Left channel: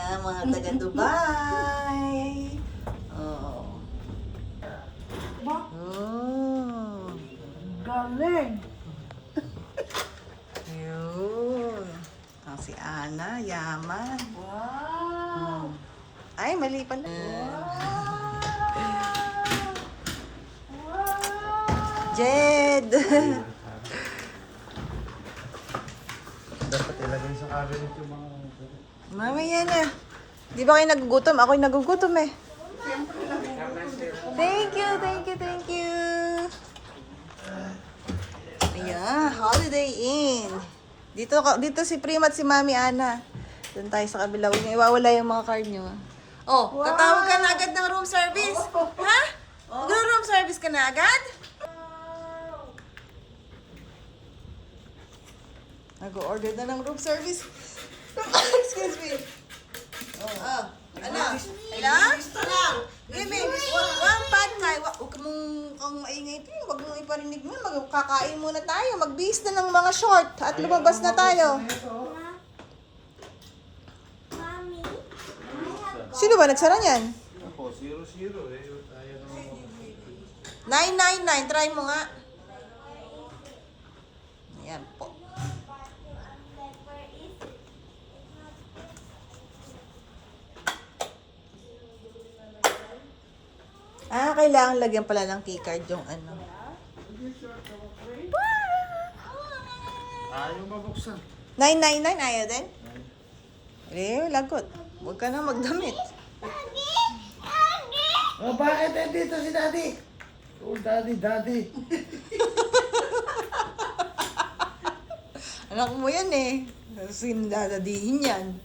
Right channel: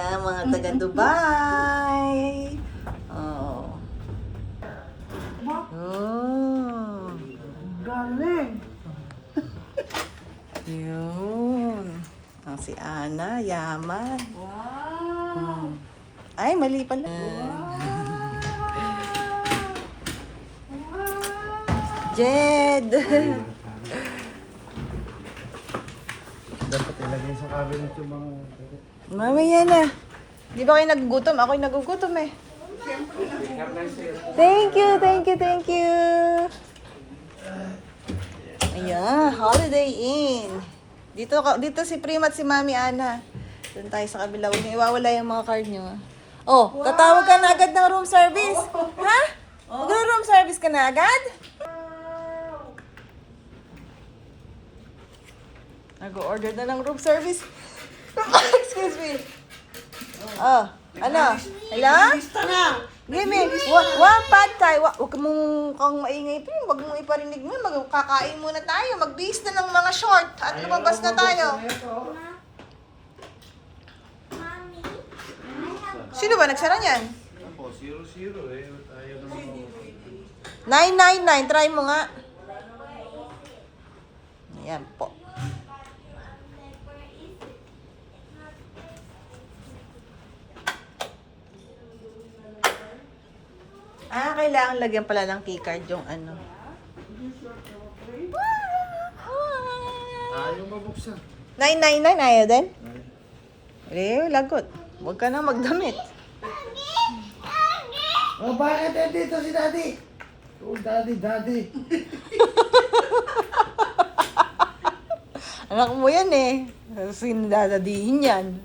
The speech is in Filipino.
Ayan, mga taga Dubai. Oh. Oh. Galing. Yun. Ang si Ana, yaman. Wow. Ay, mali pala. Jed! Dapat ilagay sa cabinet yung mga... Mamaya na. Di ba kayo nagugutom? Ako'y nagugutom eh. Thank you, thank you, thank you. Ayan, Holiday Inn. Dito si Prima at si Mami Ana. Doon tayo sa kabila. Huwag niyo iwawala yung mga card niyo. Oh, tatawag ka na agad ng room service. Ha? Mag-room service ka na agad? Nag-order na ng room service. Excuse me. Oh, ano? Hello? Give me one pad thai. Huwag mong kang maingay pa yun. Huwag mong iparinig mo. Magkakain muna tayo. Magbihis na ng mga short. At lumabas na tayo. Sino ba nagsara niyan? Ako, 0-0 eh. Ayaw naman ako. 999. Try mo nga. Ayan po. Kailangan lagyan pala ng keycard yung ano. Ayaw mabuksan. 999 ayaw din? Lagot. Huwag ka na magdamit. Oh, bakit dito si Daddy? Oh, Daddy. Anak mo yan eh. Sinadadihin yan.